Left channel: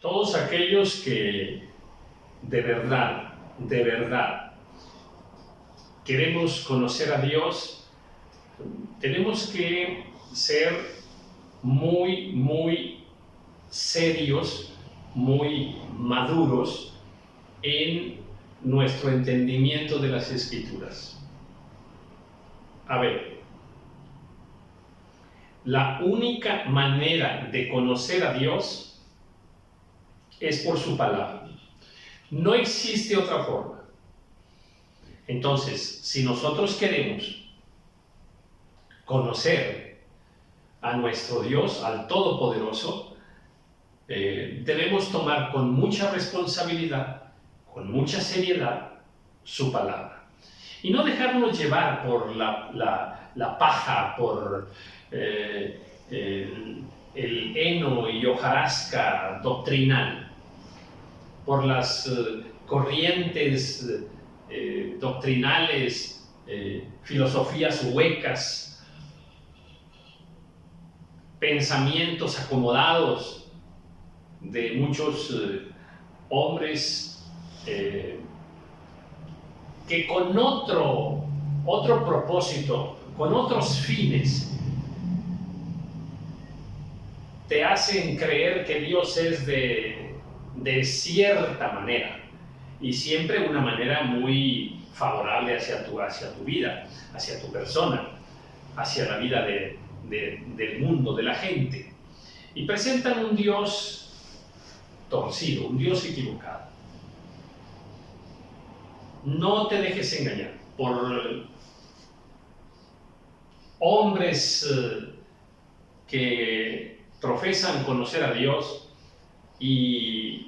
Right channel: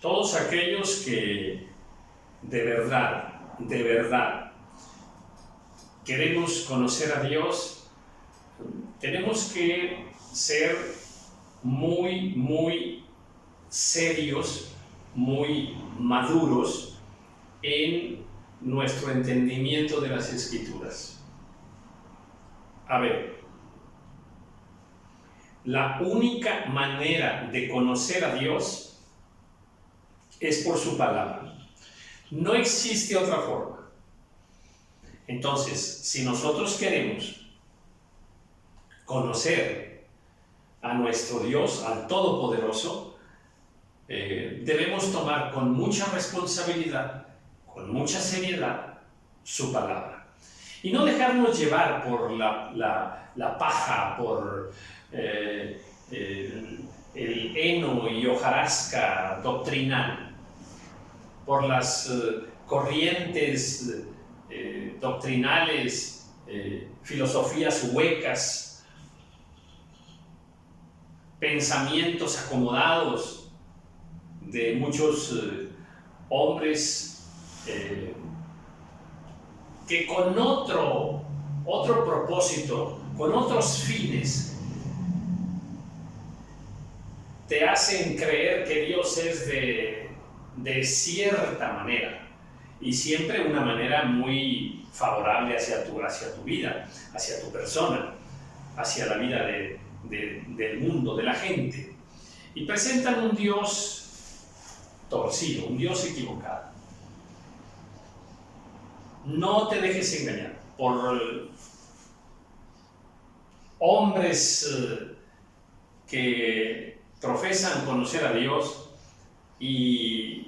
Todos aquellos que de verdad queremos conocer a Dios, tenemos que ser muy serios, muy maduros en nuestro entendimiento de las Escrituras. A ver, la única manera de conocer a Dios es por su palabra. No existe otra forma. Entonces, si nosotros queremos conocer a nuestro Dios, al Todopoderoso, debemos tomar con mucha responsabilidad, con mucha seriedad, su palabra. Y no dejarnos llevar por la paja, por el heno y hojarasca doctrinal, por las corrientes doctrinales, filosofías huecas, pensamientos acomodados de muchos hombres que con otro propósito, con otros fines, te hacen creer que Dios es de cierta manera, y siempre una manera muy favorable hacia tu vida, hacia tu persona, hacia la vida del mundo, de la gente, y presentan un Dios torcido, un Dios equivocado. No te dejes engañar por hombres que profesan conocer a Dios y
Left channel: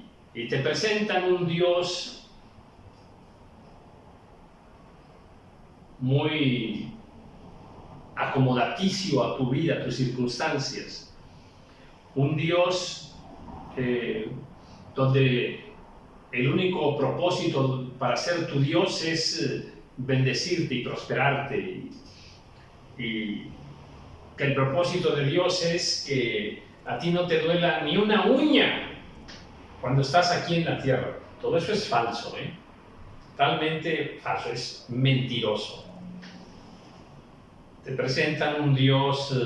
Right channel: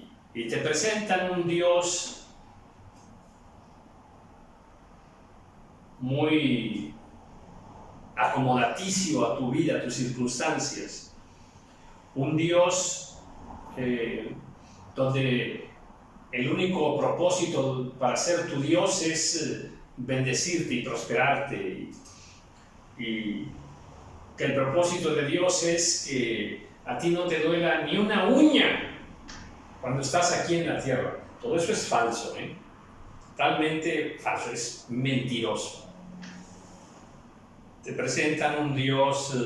te presentan un Dios muy acomodaticio a tu vida, a tus circunstancias. Un Dios donde el único propósito para ser tu Dios es bendecirte y prosperarte, y que el propósito de Dios es que a ti no te duela ni una uña cuando estás aquí en la tierra. Todo eso es falso, totalmente falso, es mentiroso. Te presentan un Dios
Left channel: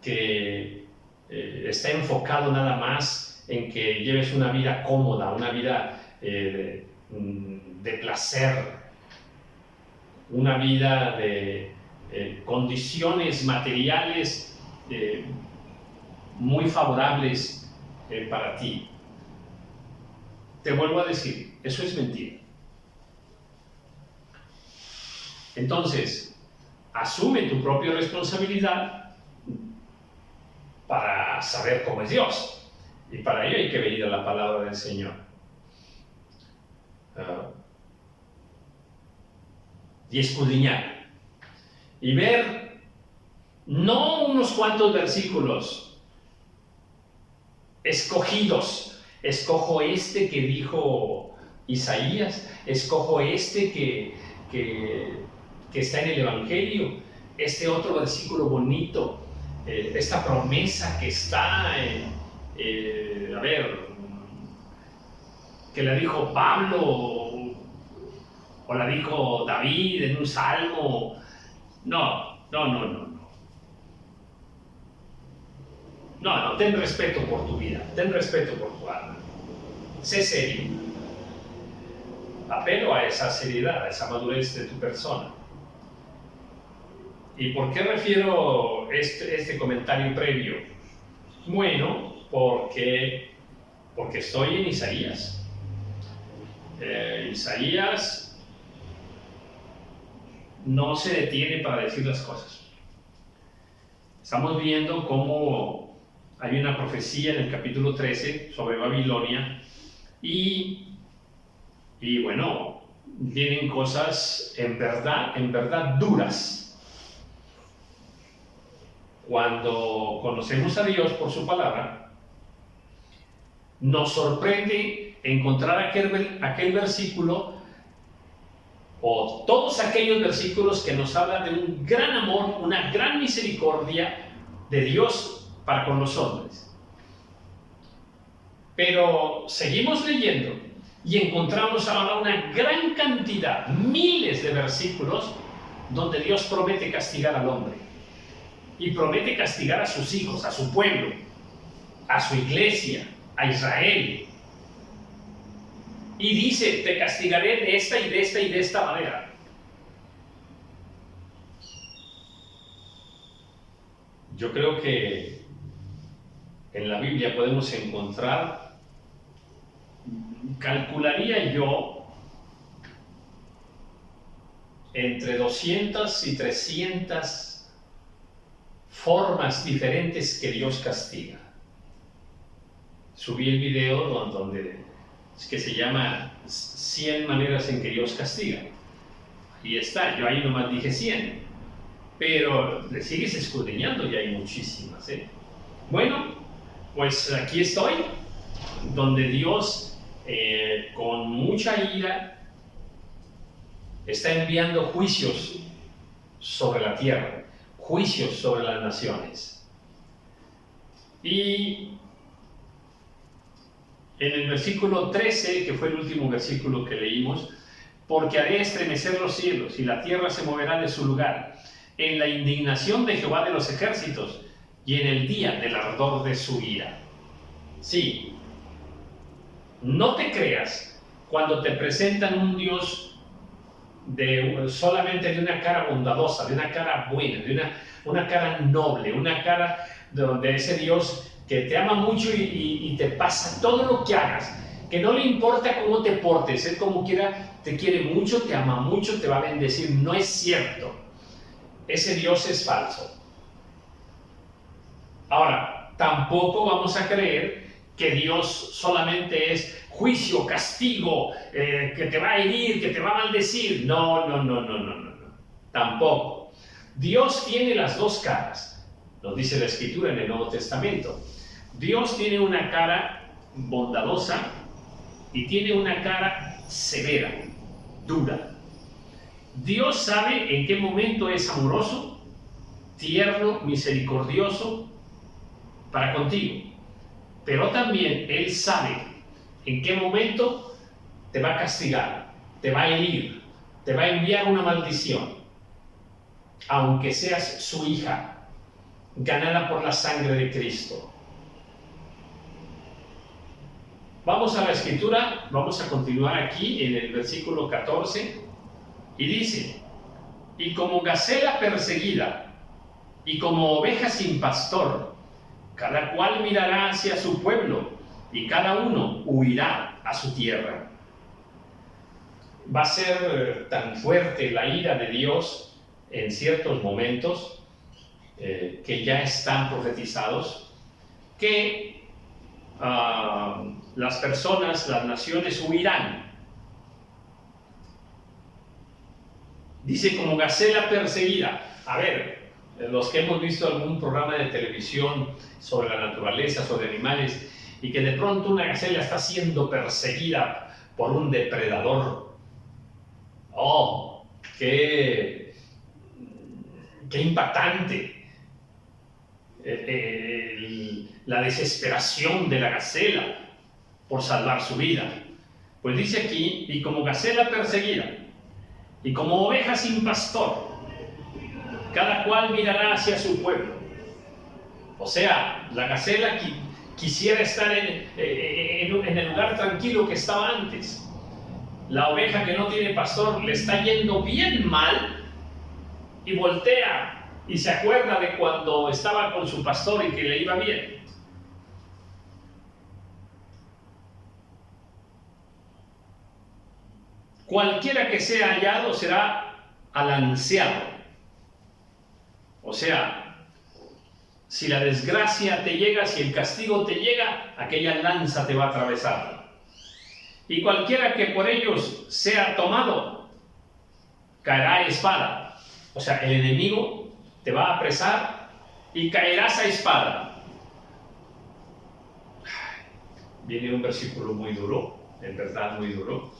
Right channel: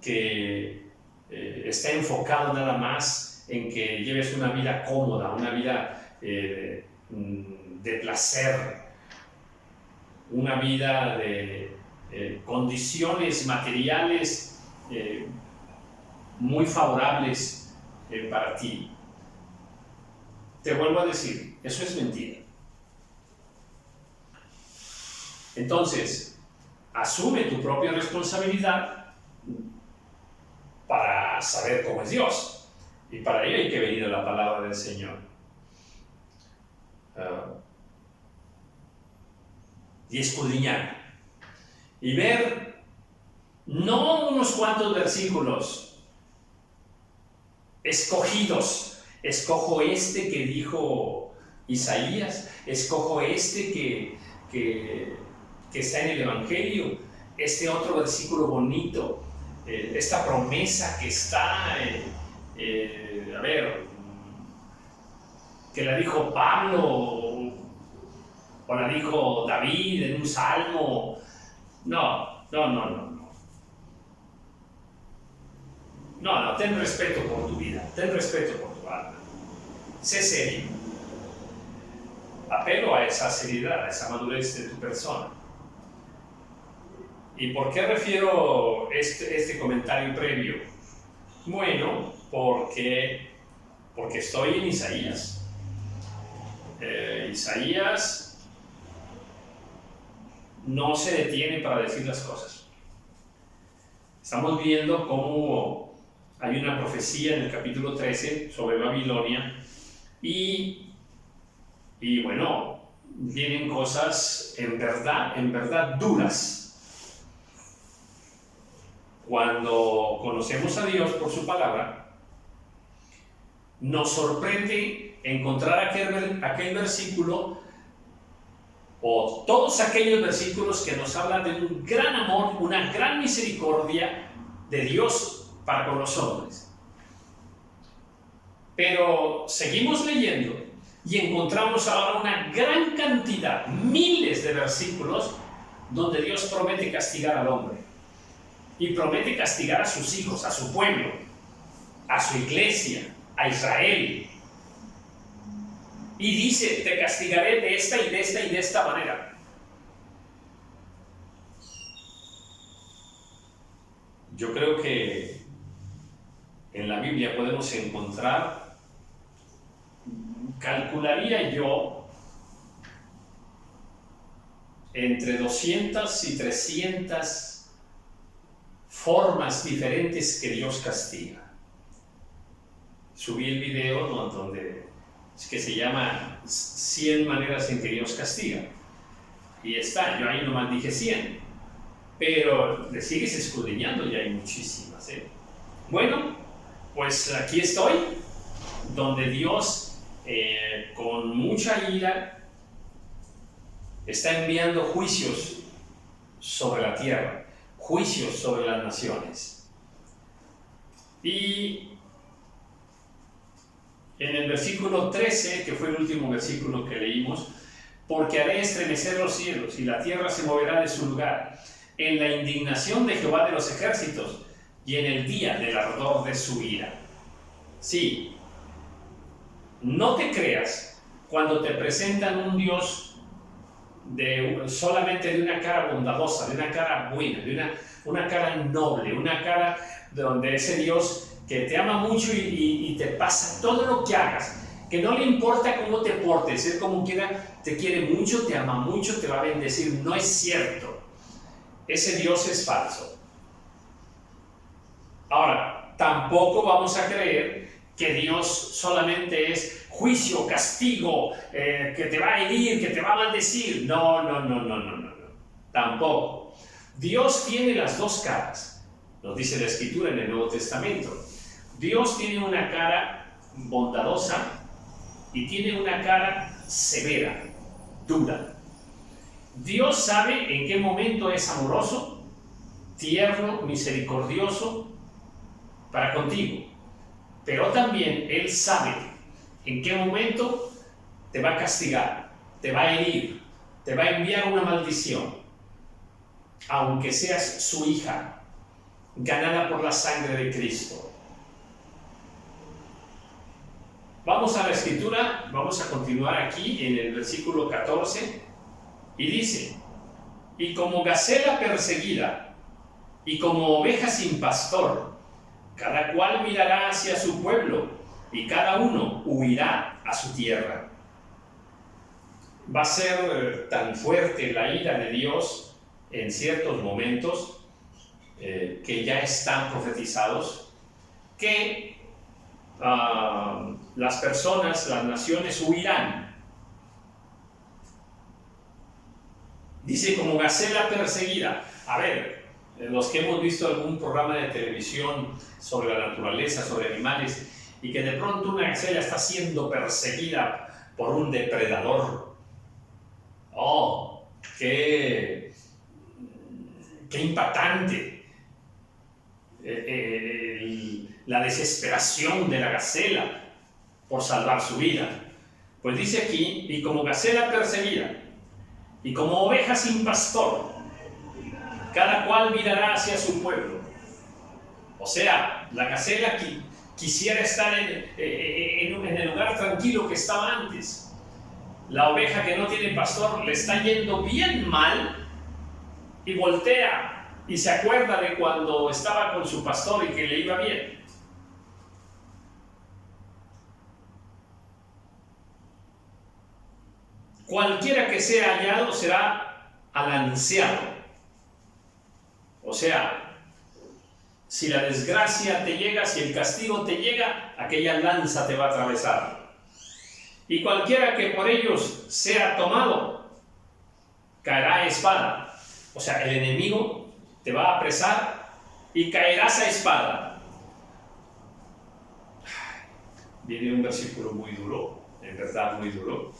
que está enfocado nada más en que lleves una vida cómoda, una vida de placer, una vida de condiciones materiales muy favorables para ti. Te vuelvo a decir, eso es mentira. Entonces, asume tu propia responsabilidad para saber cómo es Dios. Y para ello hay que venir a la palabra del Señor. Y escudriñar. Y ver, no unos cuantos versículos escogidos. Escojo este que dijo Isaías. Escojo este que está en el Evangelio. Este otro versículo bonito. Esta promesa que está que la dijo Pablo o la dijo David en un salmo. No, ten respeto por tu vida, ten respeto por tu alma, sé serio. Apelo a esa seriedad, a esa madurez de tu persona. ¿Y por qué refiero este comentario previo? Bueno, porque estoy en Isaías. Isaías no se detiene para decir las cosas. Estamos viendo cómo hay una profecía en el capítulo 13 sobre Babilonia y bueno, vienen cosas en verdad duras. Cuando conocemos a Dios por su palabra, nos sorprende encontrar aquel versículo o todos aquellos versículos que nos hablan de un gran amor, una gran misericordia de Dios para con los hombres. Pero seguimos leyendo y encontramos ahora una gran cantidad, miles de versículos, donde Dios promete castigar al hombre. Y promete castigar a sus hijos, a su pueblo, a su iglesia, a Israel. Y dice, te castigaré de esta y de esta y de esta manera. Yo creo que en la Biblia podemos encontrar, calcularía yo, entre 200 y 300 formas diferentes que Dios castiga. Subí el video donde que se llama 100 maneras en que Dios castiga. Y está, yo ahí nomás dije 100, pero le sigues escudriñando y hay muchísimas, ¿eh? Bueno, pues aquí estoy, donde Dios, con mucha ira, está enviando juicios sobre la tierra, juicios sobre las naciones. Y en el versículo 13, que fue el último versículo que leímos, porque haré estremecer los cielos y la tierra se moverá de su lugar, en la indignación de Jehová de los ejércitos y en el día del ardor de su ira. Sí, no te creas cuando te presentan un Dios solamente de una cara bondadosa, de una cara buena, de una cara noble, una cara donde ese Dios que te ama mucho y te pasa todo lo que hagas, que no le importa cómo te portes, Él como quiera te quiere mucho, te ama mucho, te va a bendecir. No es cierto. Ese Dios es falso. Ahora, tampoco vamos a creer que Dios solamente es juicio, castigo, que te va a herir, que te va a maldecir. No. Tampoco. Dios tiene las dos caras, nos dice la Escritura en el Nuevo Testamento. Dios tiene una cara bondadosa y tiene una cara severa, dura. Dios sabe en qué momento es amoroso, tierno, misericordioso para contigo, pero también Él sabe en qué momento te va a castigar, te va a herir, te va a enviar una maldición, aunque seas su hija, ganada por la sangre de Cristo. Vamos a la Escritura, vamos a continuar aquí en el versículo 14, y dice, y como gacela perseguida, y como oveja sin pastor, cada cual mirará hacia su pueblo, y cada uno huirá a su tierra. Va a ser tan fuerte la ira de Dios en ciertos momentos, que ya están profetizados, que las personas, las naciones huirán. Dice como gacela perseguida. A ver, los que hemos visto algún programa de televisión sobre la naturaleza, sobre animales, y que de pronto una gacela está siendo perseguida por un depredador. ¡Oh! ¡Qué impactante! La desesperación de la gacela por salvar su vida. Pues dice aquí, y como gacela perseguida, y como oveja sin pastor, cada cual mirará hacia su pueblo. O sea, la gacela quisiera estar en el lugar tranquilo que estaba antes. La oveja que no tiene pastor le está yendo bien mal y voltea y se acuerda de cuando estaba con su pastor y que le iba bien. Cualquiera que sea hallado será alanceado. O sea, si la desgracia te llega, si el castigo te llega, aquella lanza te va a atravesar. Y cualquiera que por ellos sea tomado, caerá a espada. O sea, el enemigo te va a apresar y caerás a espada. Viene un versículo muy duro, en verdad muy duro,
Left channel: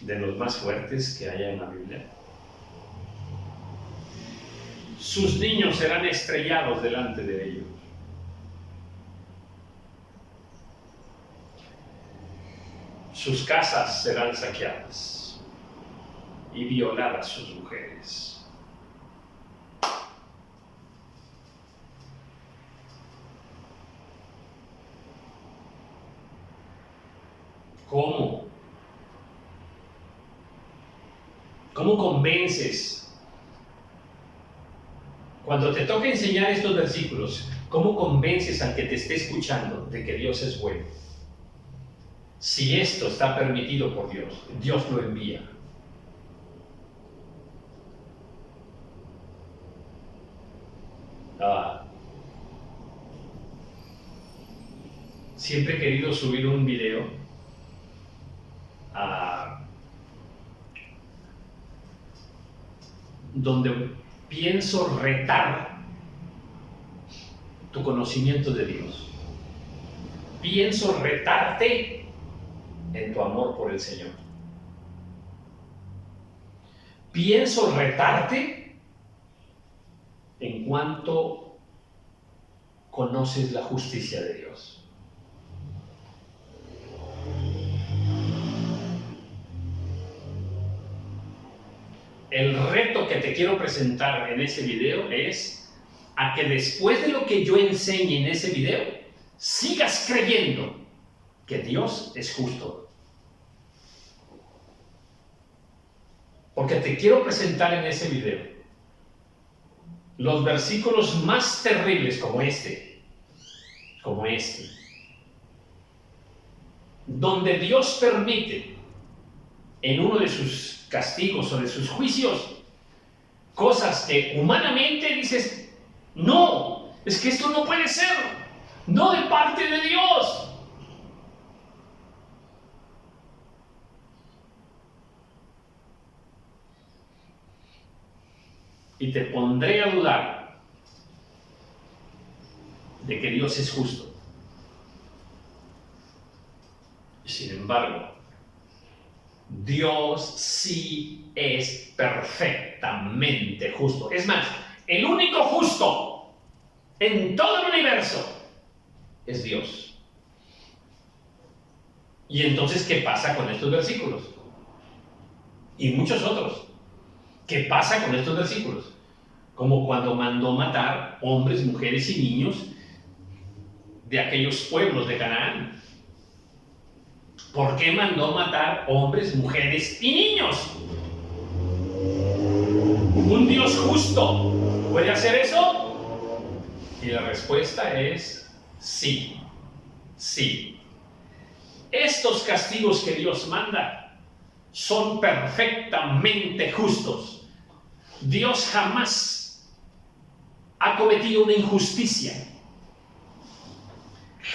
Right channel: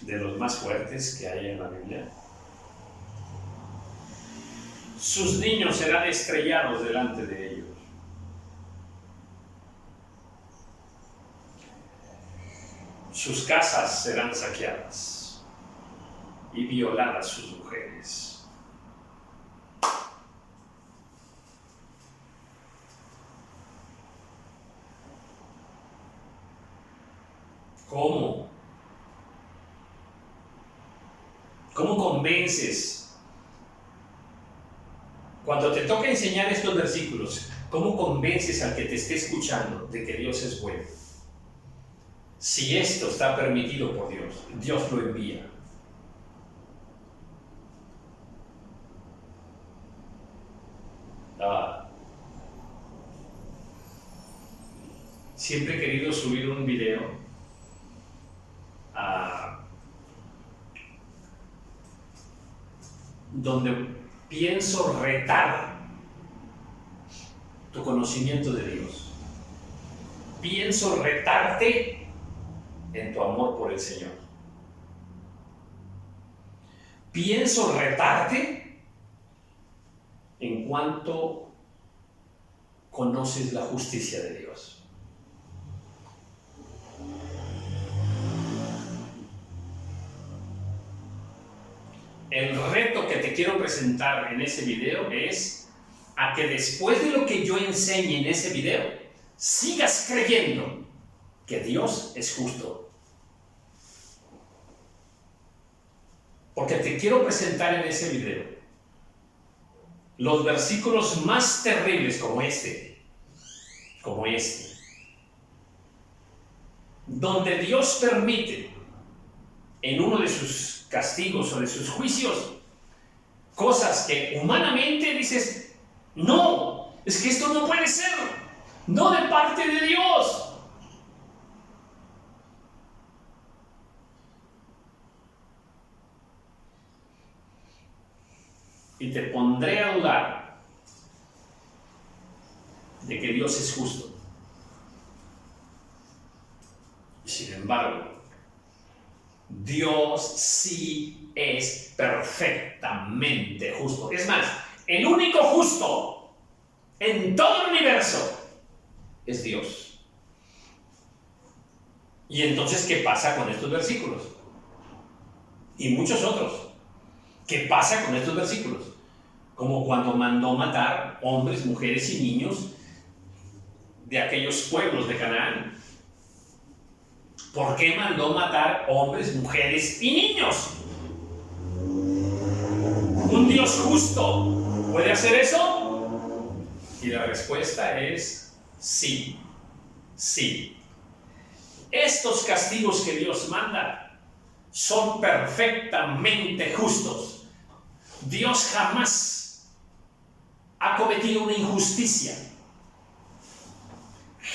de los más fuertes que haya en la Biblia. Sus niños serán estrellados delante de ellos. sus casas serán saqueadas y violadas sus mujeres. ¿Cómo? ¿Cómo convences? Cuando te toca enseñar estos versículos, ¿cómo convences al que te esté escuchando de que Dios es bueno? Si esto está permitido por Dios, Dios lo envía. Siempre he querido subir un video donde pienso retar tu conocimiento de Dios. Pienso retarte en tu amor por el Señor. Pienso retarte en cuanto conoces la justicia de Dios. El reto que te quiero presentar en ese video es a que después de lo que yo enseñe en ese video, sigas creyendo que Dios es justo. Porque te quiero presentar en ese video los versículos más terribles como este, donde Dios permite en uno de sus castigos o de sus juicios cosas que humanamente dices, no, es que esto no puede ser, no de parte de Dios. Y te pondré a dudar de que Dios es justo. Sin embargo, Dios sí es perfectamente justo. Es más, el único justo en todo el universo es Dios. Y entonces, ¿qué pasa con estos versículos? Y muchos otros. ¿Qué pasa con estos versículos? Como cuando mandó matar hombres, mujeres y niños de aquellos pueblos de Canaán. ¿Por qué mandó matar hombres, mujeres y niños? ¿Un Dios justo puede hacer eso? Y la respuesta es sí, sí. Estos castigos que Dios manda son perfectamente justos. Dios jamás ha cometido una injusticia.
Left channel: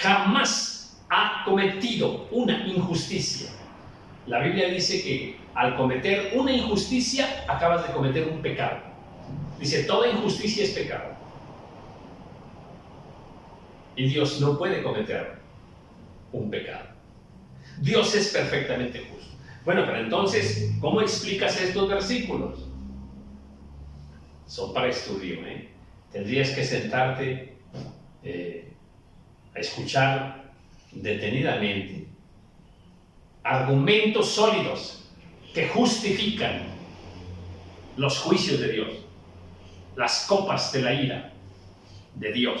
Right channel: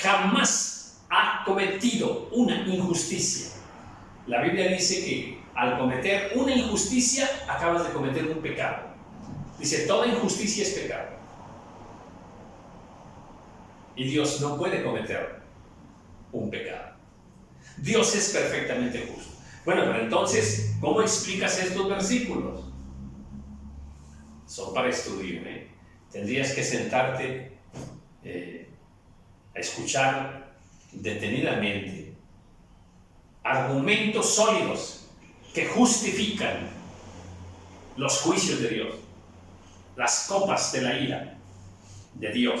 Jamás ha cometido una injusticia. La Biblia dice que al cometer una injusticia acabas de cometer un pecado. Dice, toda injusticia es pecado. Y Dios no puede cometer un pecado. Dios es perfectamente justo. Bueno, pero entonces, ¿cómo explicas estos versículos? Son para estudio, ¿eh? Tendrías que sentarte a escuchar detenidamente argumentos sólidos que justifican los juicios de Dios, las copas de la ira de Dios.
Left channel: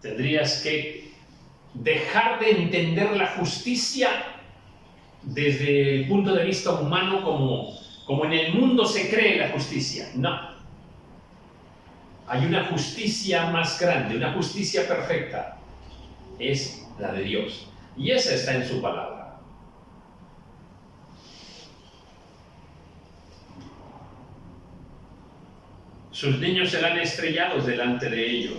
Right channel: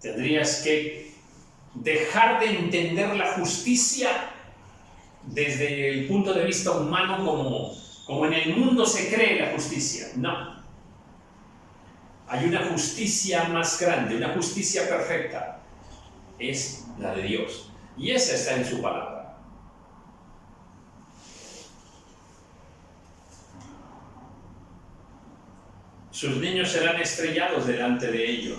Tendrías que dejar de entender la justicia desde el punto de vista humano como en el mundo se cree la justicia. No. Hay una justicia más grande, una justicia perfecta. Es la de Dios. Y esa está en su palabra. Sus niños serán estrellados delante de ellos.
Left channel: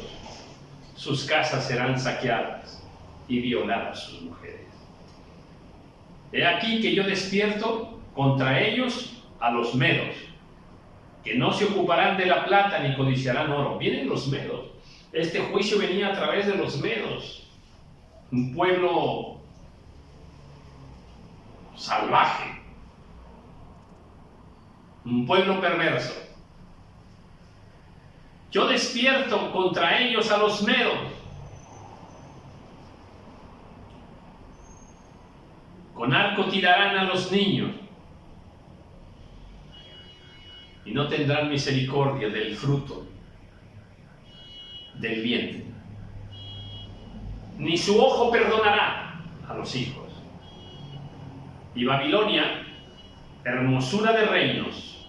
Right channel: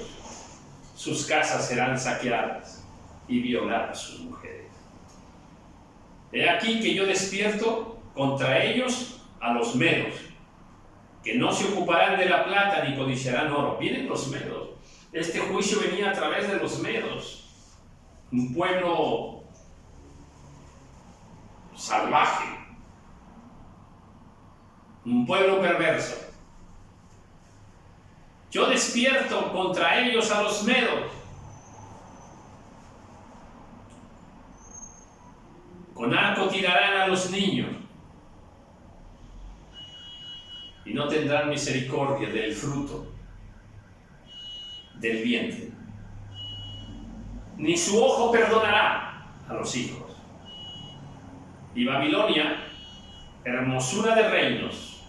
Sus casas serán saqueadas y violadas sus mujeres. He aquí que yo despierto contra ellos a los medos, que no se ocuparán de la plata ni codiciarán oro. Vienen los medos. Este juicio venía a través de los medos. Un pueblo salvaje, un pueblo perverso. Yo despierto contra ellos a los medos, con arco tirarán a los niños, y no tendrán misericordia del fruto del vientre, ni su ojo perdonará a los hijos. Y Babilonia, hermosura de reinos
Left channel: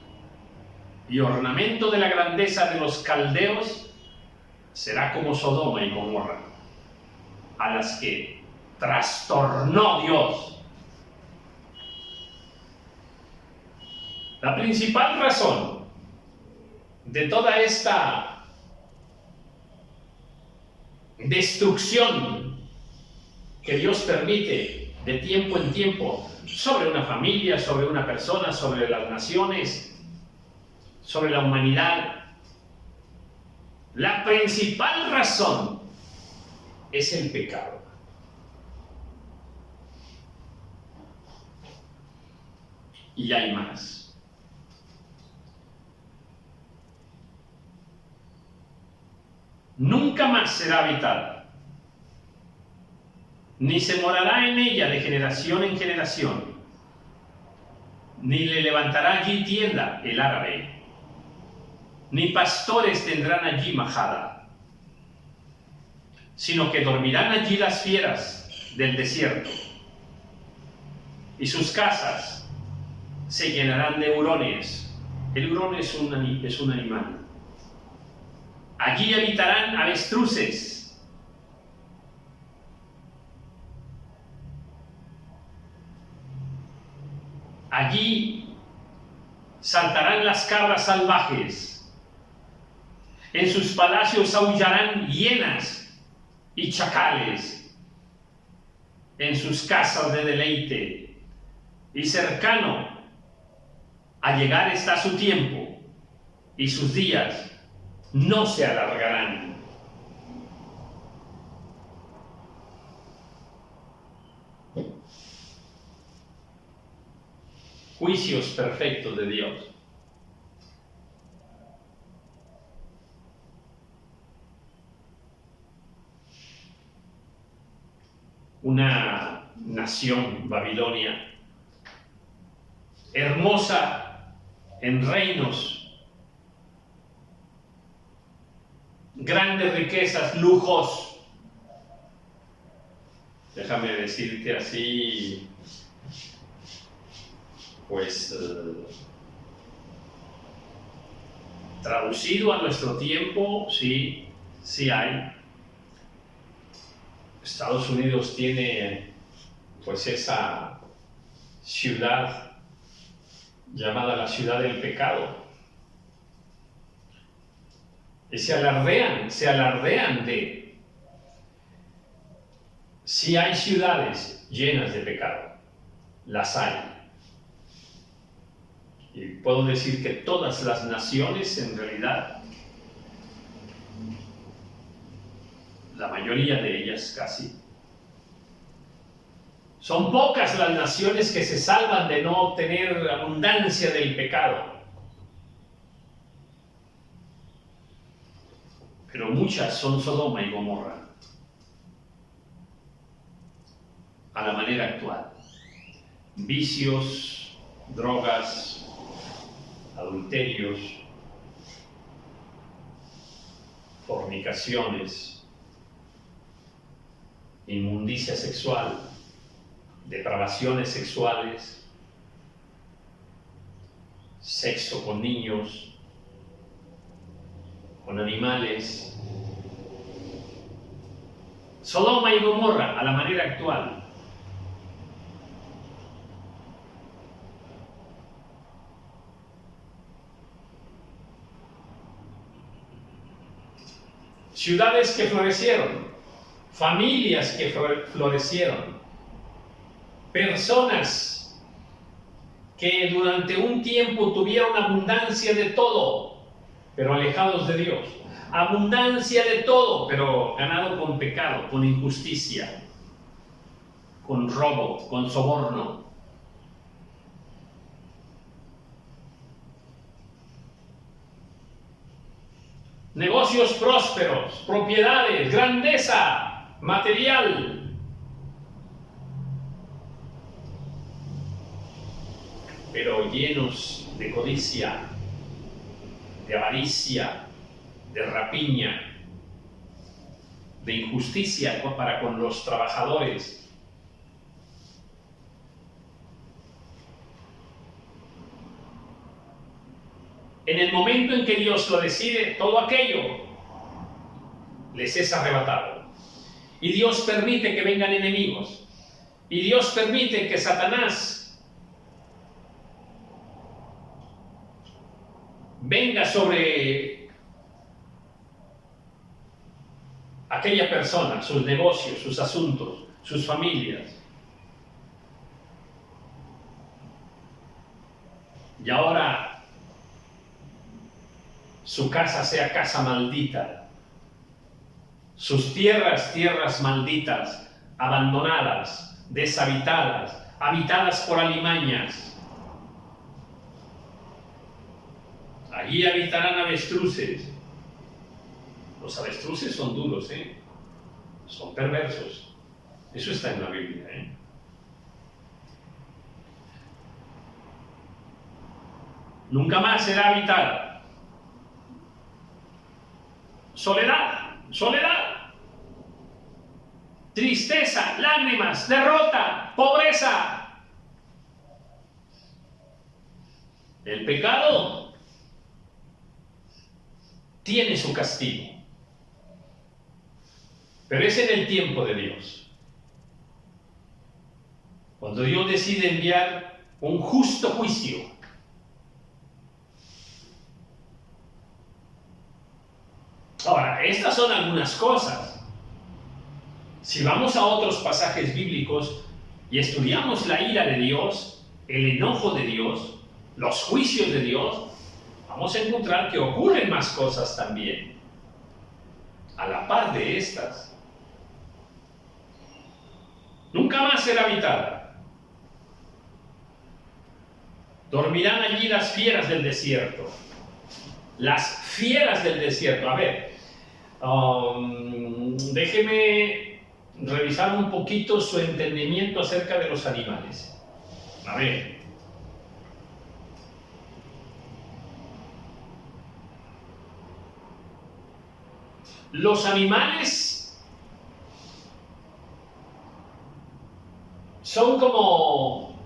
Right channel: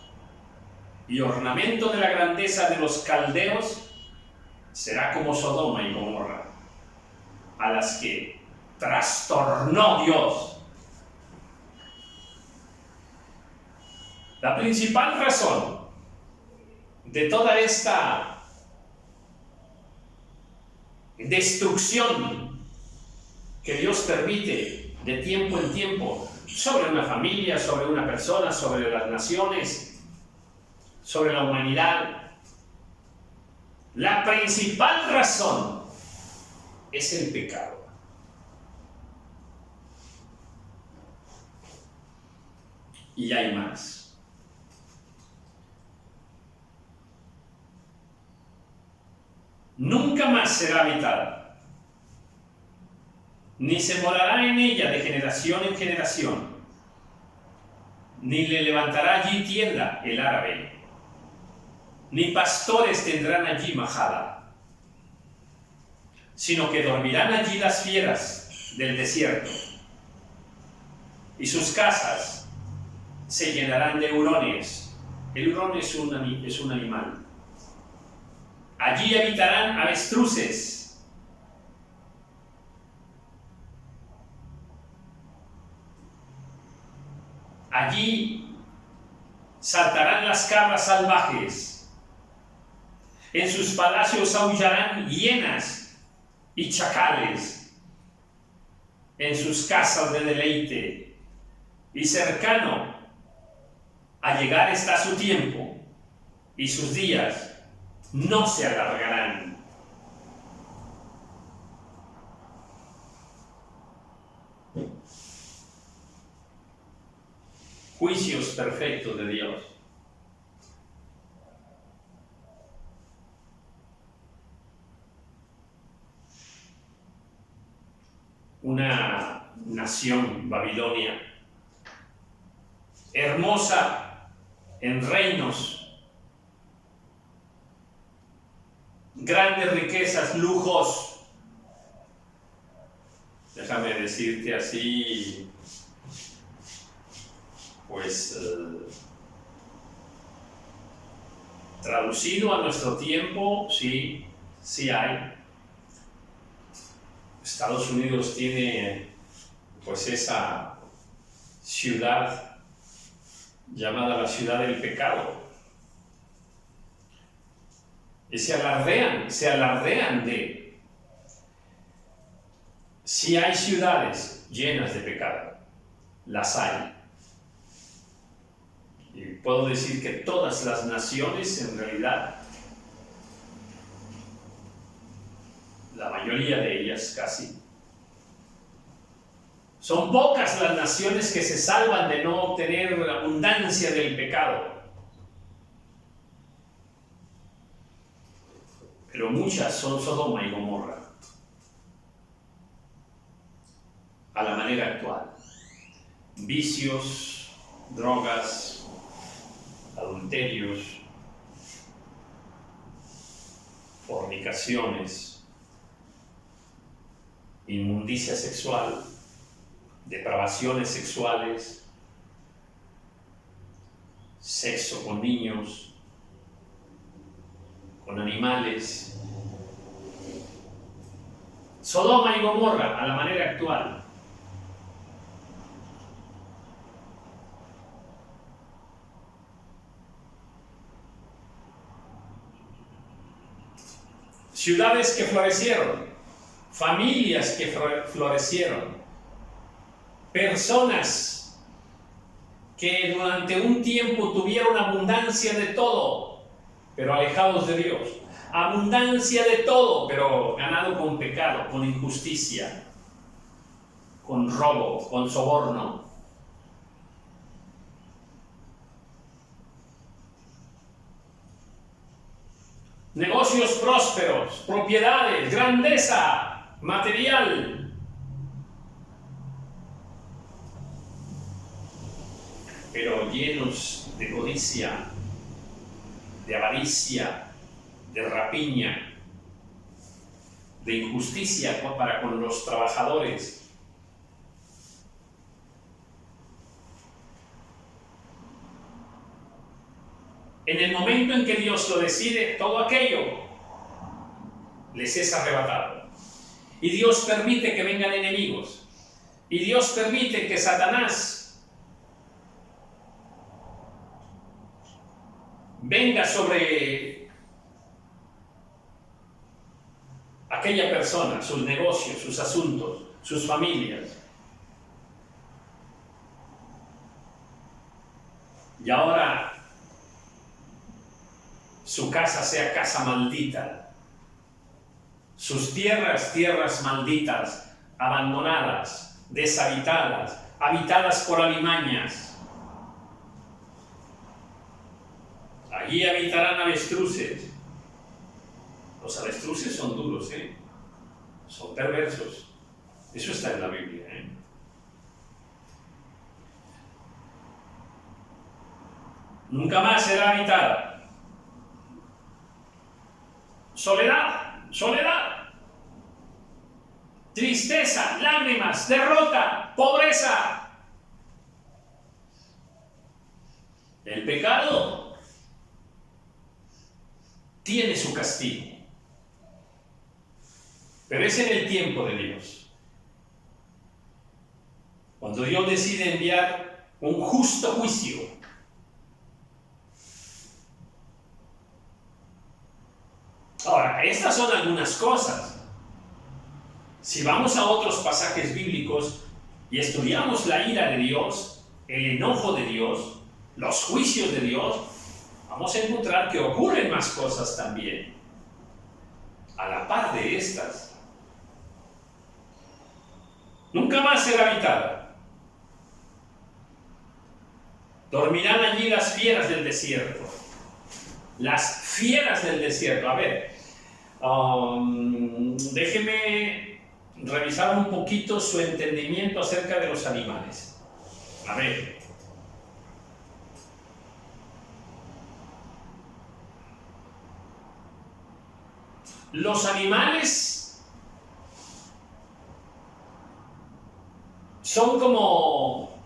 y ornamento de la grandeza de los caldeos, será como Sodoma y Gomorra, a las que trastornó Dios. La principal razón de toda esta destrucción que Dios permite de tiempo en tiempo sobre una familia, sobre una persona, sobre las naciones, sobre la humanidad, la principal razón es el pecado. Y hay más. Nunca más será habitada, ni se morará en ella de generación en generación, ni le levantará allí tienda el árabe, ni pastores tendrán allí majada, sino que dormirán allí las fieras del desierto, y sus casas se llenarán de hurones. El hurón es un animal. Allí habitarán avestruces. Allí saltarán las cabras salvajes. En sus palacios aullarán hienas y chacales. En sus casas de deleite. Y cercano a llegar está su tiempo, y sus días no se alargarán. Juicios perfectos de Dios. Una nación, Babilonia, hermosa en reinos, grandes riquezas, lujos. Déjame decirte así, pues, traducido a nuestro tiempo, sí hay. Estados Unidos tiene, pues, esa ciudad llamada la ciudad del pecado. Y se alardean de, si hay ciudades llenas de pecado, las hay. Y puedo decir que todas las naciones, en realidad, la mayoría de ellas casi, son pocas las naciones que se salvan de no tener abundancia del pecado. Pero muchas son Sodoma y Gomorra, a la manera actual. Vicios, drogas, adulterios, fornicaciones, inmundicia sexual, depravaciones sexuales, sexo con niños, con animales. Sodoma y Gomorra a la manera actual. Ciudades que florecieron, familias que florecieron, personas que durante un tiempo tuvieron abundancia de todo, pero alejados de Dios. Abundancia de todo, pero ganado con pecado, con injusticia, con robo, con soborno. Negocios prósperos, propiedades, grandeza material. pero llenos de codicia, de avaricia, de rapiña, de injusticia para con los trabajadores. En el momento en que Dios lo decide, todo aquello les es arrebatado. Y Dios permite que vengan enemigos. Y Dios permite que Satanás venga sobre aquella persona, sus negocios, sus asuntos, sus familias. Y ahora su casa sea casa maldita, sus tierras, tierras malditas, abandonadas, deshabitadas, habitadas por alimañas. Allí habitarán avestruces. Los avestruces son duros, son perversos. Eso está en la Biblia, Nunca más será habitada. Soledad, soledad, tristeza, lágrimas, derrota, pobreza. El pecado tiene su castigo, pero es en el tiempo de Dios. Cuando Dios decide enviar un justo juicio, ahora, estas son algunas cosas. Si vamos a otros pasajes bíblicos y estudiamos la ira de Dios, el enojo de Dios, los juicios de Dios, vamos a encontrar que ocurren más cosas también, a la par de estas. Nunca más será habitada. Dormirán allí las fieras del desierto. Las fieras del desierto. A ver, déjeme revisar un poquito su entendimiento acerca de los animales. A ver. Los animales son como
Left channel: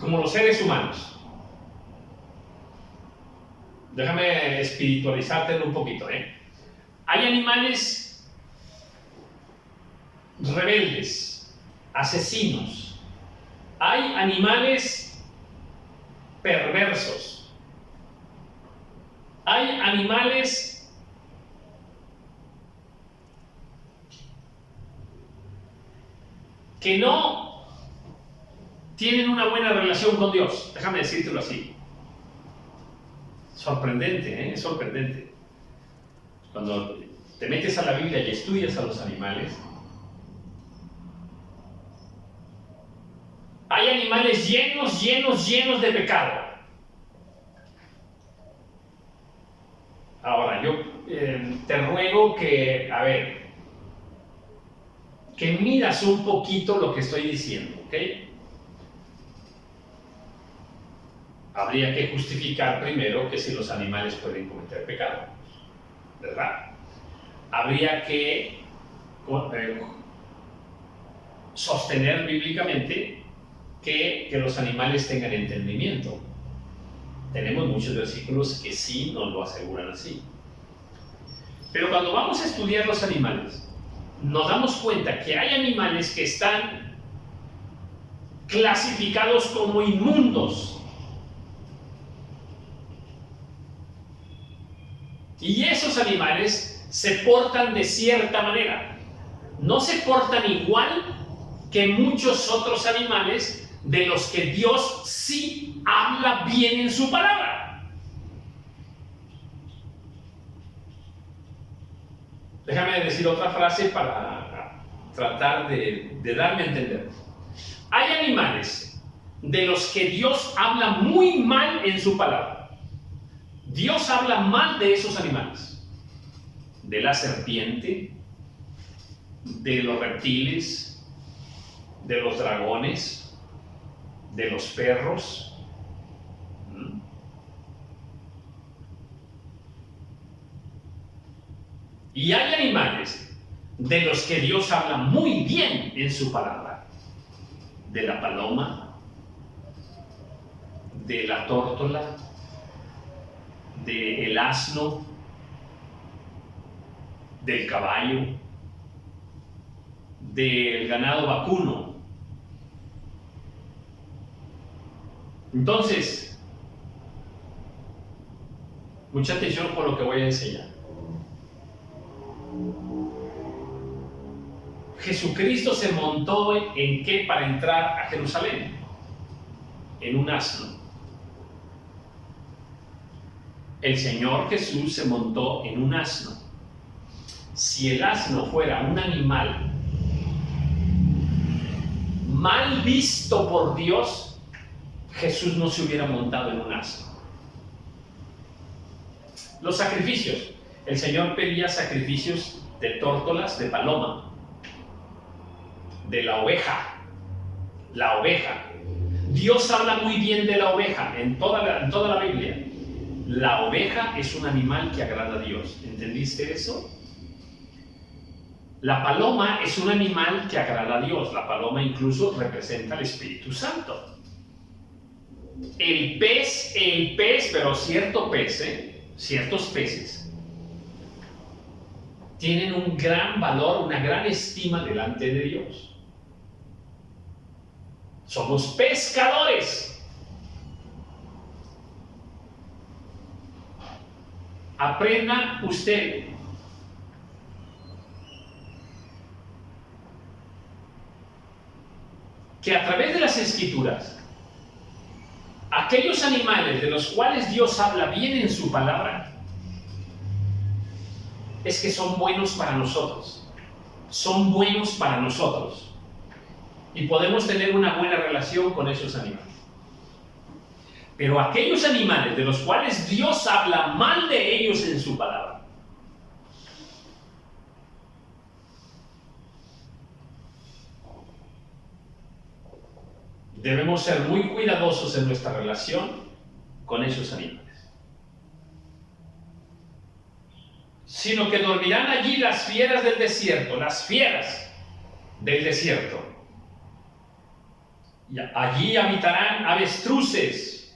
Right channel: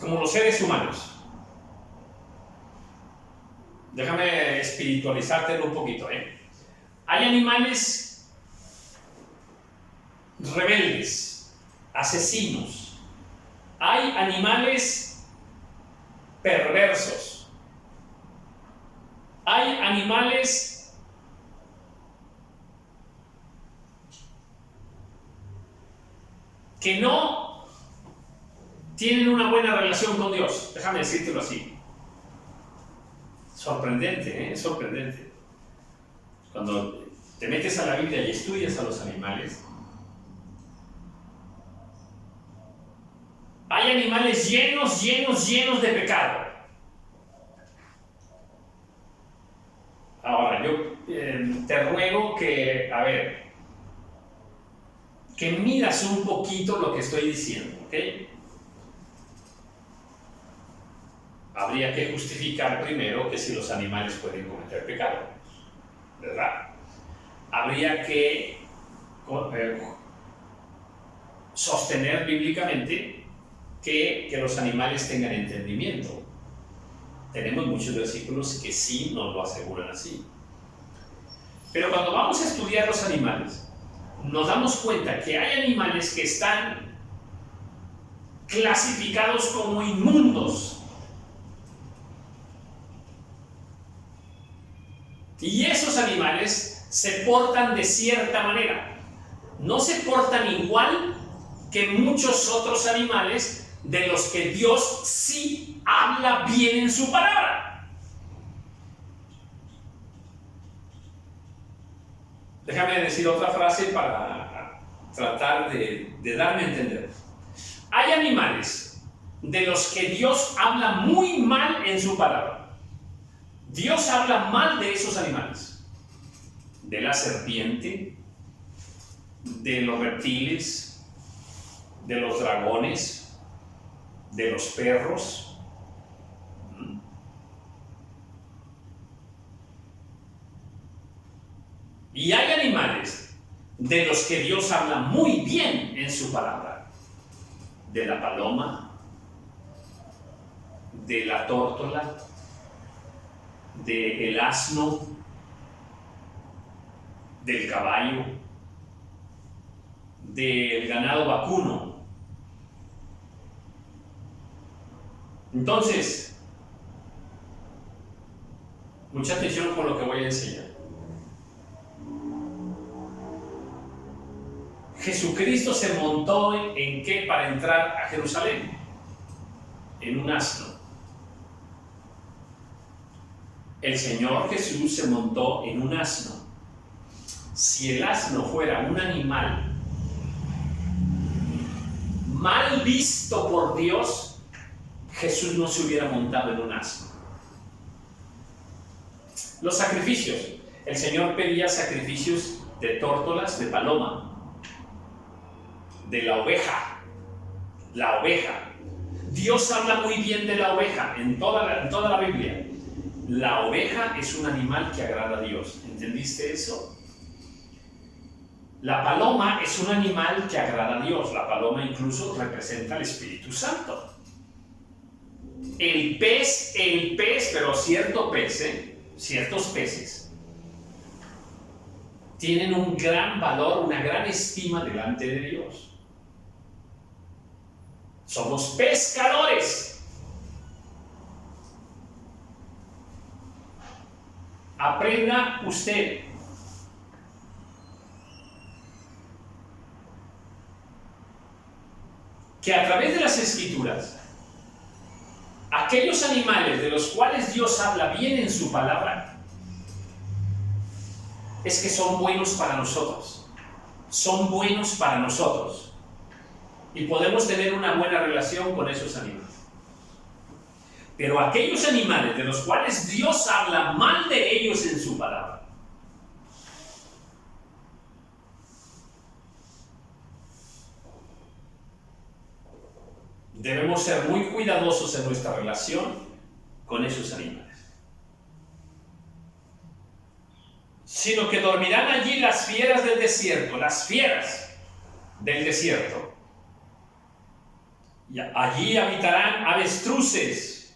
los seres humanos. Déjame espiritualizarte un poquito, Hay animales rebeldes, asesinos. Hay animales perversos. Hay animales que no tienen una buena relación con Dios. Déjame decírtelo así. Sorprendente, es sorprendente. Cuando te metes a la Biblia y estudias a los animales, hay animales llenos de pecado. Ahora, yo te ruego que, que miras un poquito lo que estoy diciendo, ¿ok? Habría que justificar primero que si los animales pueden cometer pecado, ¿verdad? Habría que sostener bíblicamente que los animales tengan entendimiento. Tenemos muchos versículos que sí nos lo aseguran así. Pero cuando vamos a estudiar los animales, nos damos cuenta que hay animales que están clasificados como inmundos. Y esos animales se portan de cierta manera. No se portan igual que muchos otros animales de los que Dios sí habla bien en su palabra. Déjame decir otra frase para tratar de darme a entender. Hay animales de los que Dios habla muy mal en su palabra. Dios habla mal de esos animales, de la serpiente, de los reptiles, de los dragones, de los perros, Y hay animales de los que Dios habla muy bien en su palabra. De la paloma, de la tórtola, del asno, del caballo, del ganado vacuno. Entonces, mucha atención con lo que voy a enseñar. Jesucristo se montó ¿en qué para entrar a Jerusalén? En un asno. El Señor Jesús se montó en un asno. Si el asno fuera un animal mal visto por Dios, Jesús no se hubiera montado en un asno. Los sacrificios. El Señor pedía sacrificios de tórtolas, de paloma, de la oveja. La oveja. Dios habla muy bien de la oveja en toda la Biblia. La oveja es un animal que agrada a Dios. ¿Entendiste eso? La paloma es un animal que agrada a Dios. La paloma incluso representa al Espíritu Santo. El pez, pero cierto pez, ciertos peces, tienen un gran valor, una gran estima delante de Dios. Somos pescadores. Aprenda usted que a través de las Escrituras, aquellos animales de los cuales Dios habla bien en su palabra, es que son buenos para nosotros. Son buenos para nosotros. Y podemos tener una buena relación con esos animales. Pero aquellos animales de los cuales Dios habla mal de ellos en su palabra, debemos ser muy cuidadosos en nuestra relación con esos animales. Sino que dormirán allí las fieras del desierto, las fieras del desierto. Y allí habitarán avestruces.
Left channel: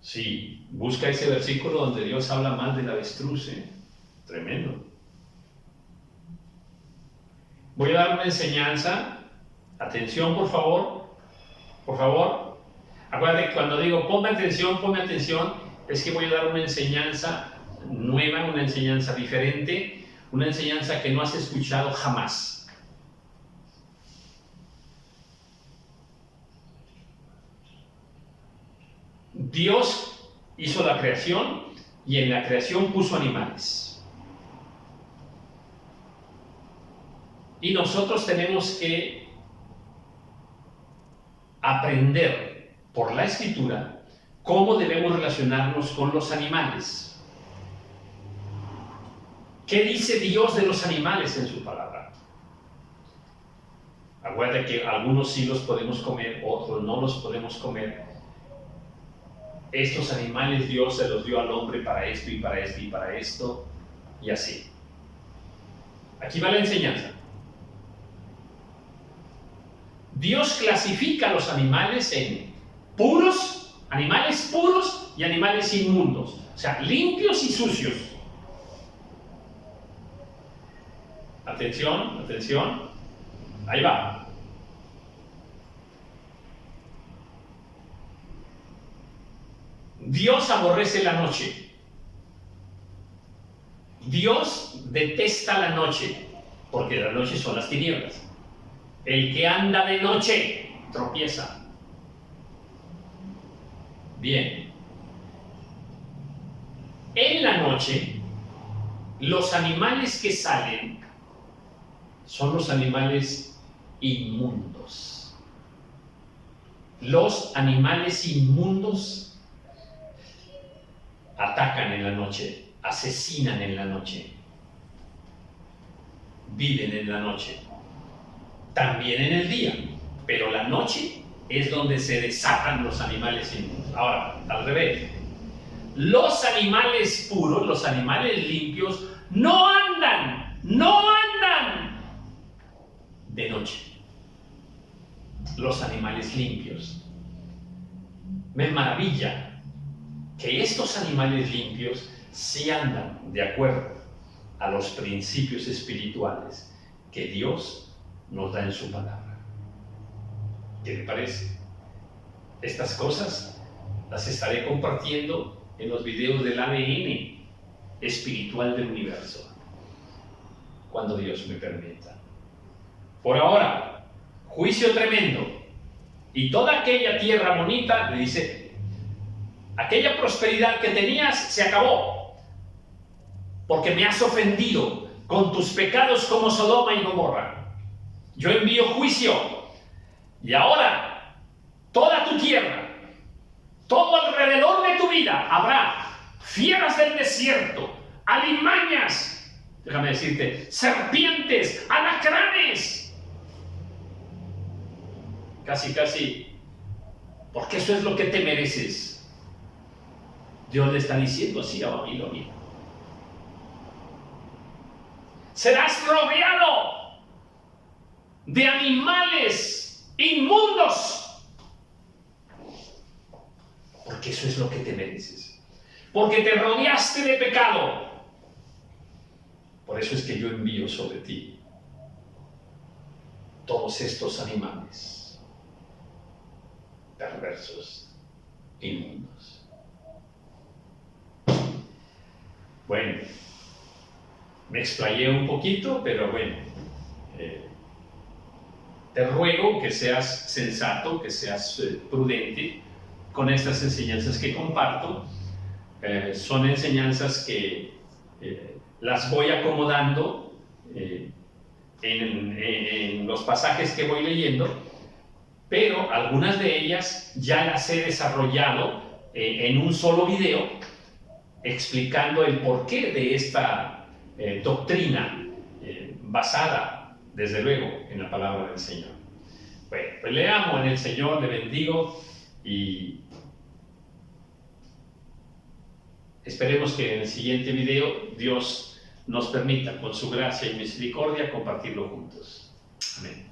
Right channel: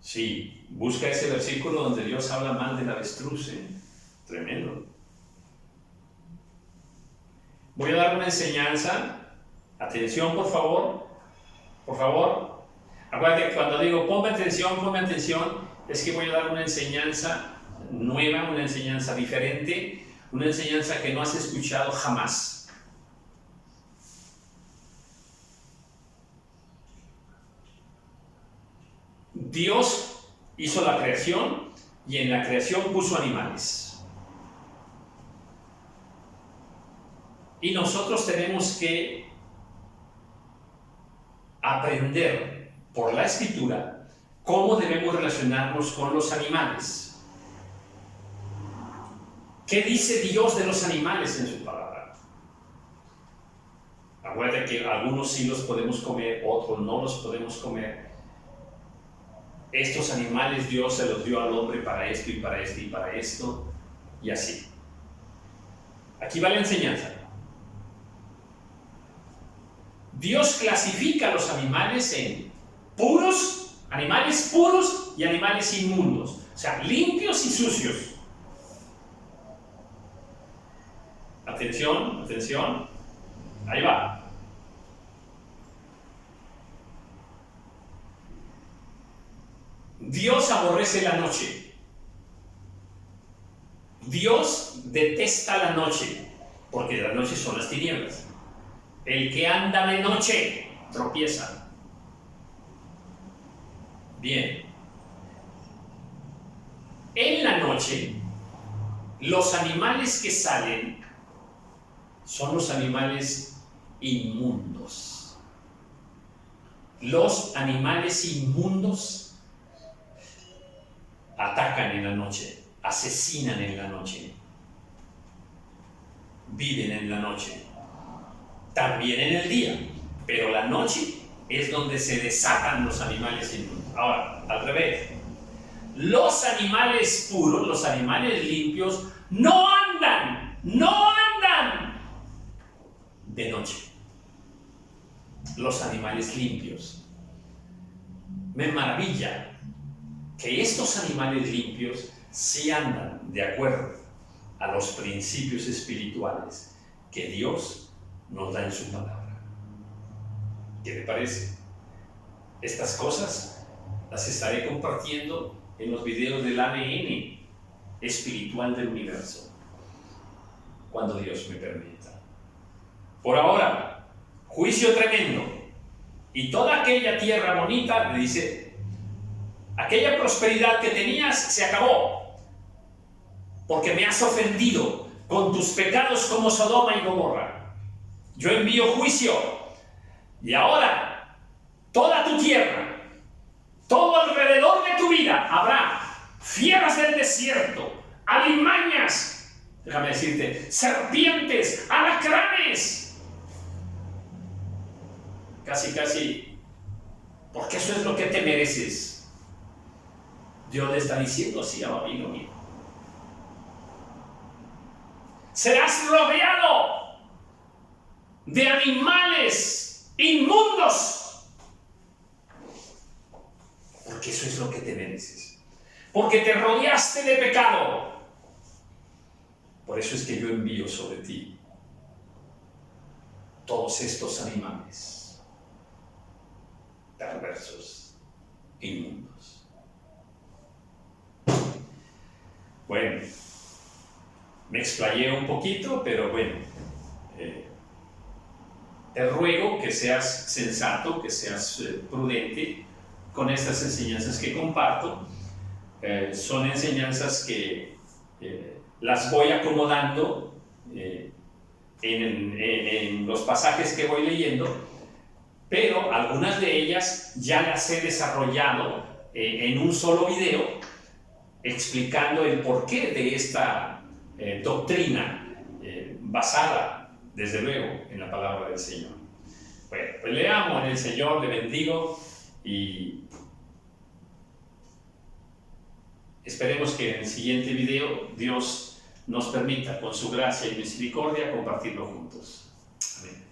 Sí, busca ese versículo donde Dios habla mal del avestruz, tremendo. Voy a dar una enseñanza. Atención, por favor. Por favor. Acuérdate que cuando digo ponme atención, es que voy a dar una enseñanza nueva, una enseñanza diferente, una enseñanza que no has escuchado jamás. Dios hizo la creación y en la creación puso animales. Y nosotros tenemos que aprender por la Escritura cómo debemos relacionarnos con los animales. ¿Qué dice Dios de los animales en su palabra? Acuérdate que algunos sí los podemos comer, otros no los podemos comer. Estos animales Dios se los dio al hombre para esto y para esto y para esto, y así. Aquí va la enseñanza. Dios clasifica a los animales en puros, animales puros y animales inmundos, o sea, limpios y sucios. Atención, atención, ahí va. Dios aborrece la noche. Dios detesta la noche, porque la noche son las tinieblas. El que anda de noche tropieza. Bien. En la noche, los animales que salen son los animales inmundos. Los animales inmundos atacan en la noche, asesinan en la noche, viven en la noche, también en el día, pero la noche es donde se desatan los animales inmundos. Ahora, al revés, los animales puros, los animales limpios, no andan de noche. Los animales limpios. Me maravilla que estos animales limpios sí andan de acuerdo a los principios espirituales que Dios nos da en su palabra. ¿Qué le parece? Estas cosas las estaré compartiendo en los videos del ADN espiritual del universo, cuando Dios me permita. Por ahora, juicio tremendo. Y toda aquella tierra bonita, le dice, aquella prosperidad que tenías se acabó, porque me has ofendido con tus pecados como Sodoma y Gomorra. Yo envío juicio, y ahora toda tu tierra, todo alrededor de tu vida, habrá fieras del desierto, alimañas, déjame decirte, serpientes, alacranes. Casi, porque eso es lo que te mereces. Dios le está diciendo así a Babilonia. Serás rodeado de animales inmundos, porque eso es lo que te mereces. Porque te rodeaste de pecado. Por eso es que yo envío sobre ti todos estos animales perversos, inmundos. Bueno, me explayé un poquito, pero bueno, te ruego que seas sensato, que seas prudente con estas enseñanzas que comparto. Son enseñanzas que las voy acomodando en los pasajes que voy leyendo, pero algunas de ellas ya las he desarrollado en un solo video, explicando el porqué de esta doctrina basada, desde luego, en la palabra del Señor. Bueno, pues le amo en el Señor, le bendigo y esperemos que en el siguiente video Dios nos permita, con su gracia y misericordia, compartirlo juntos. Amén.